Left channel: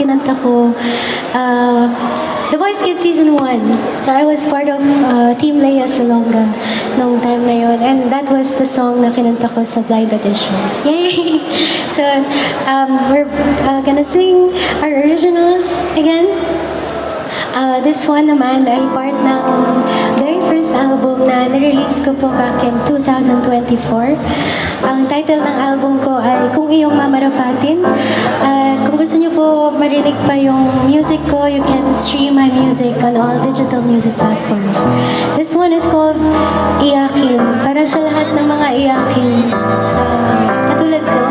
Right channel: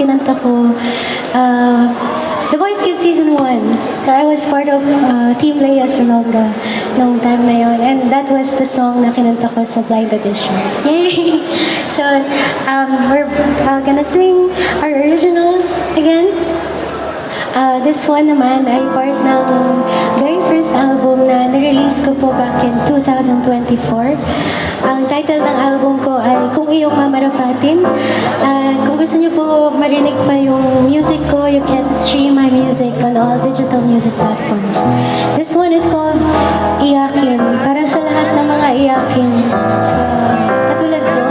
kinanta ko The Voice Kids Season 1. So I was part of Team Leia Salonga noong time na yun. And that was the song na kinanta ko sa blind auditions. Yay! So we're gonna sing our originals again. This one naman ay part ng very first album na nirelease ko po back in 2024. Ang title ng album ko ay Kung Iyong Mamarapatin. Kung gusto niyo po marinig pa yung music ko, you can stream my music on all digital music platforms. This one is called Iyakin. Para sa lahat ng mga iyakin. So, katulad ko.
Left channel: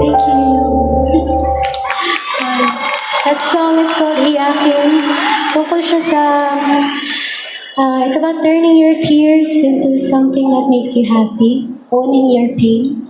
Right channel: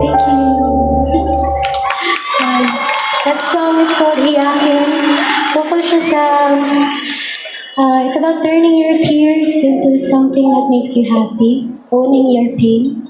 Thank you. That song is called Iyakin. Tungkol siya sa, it's about turning your tears into something that makes you happy, owning your pain.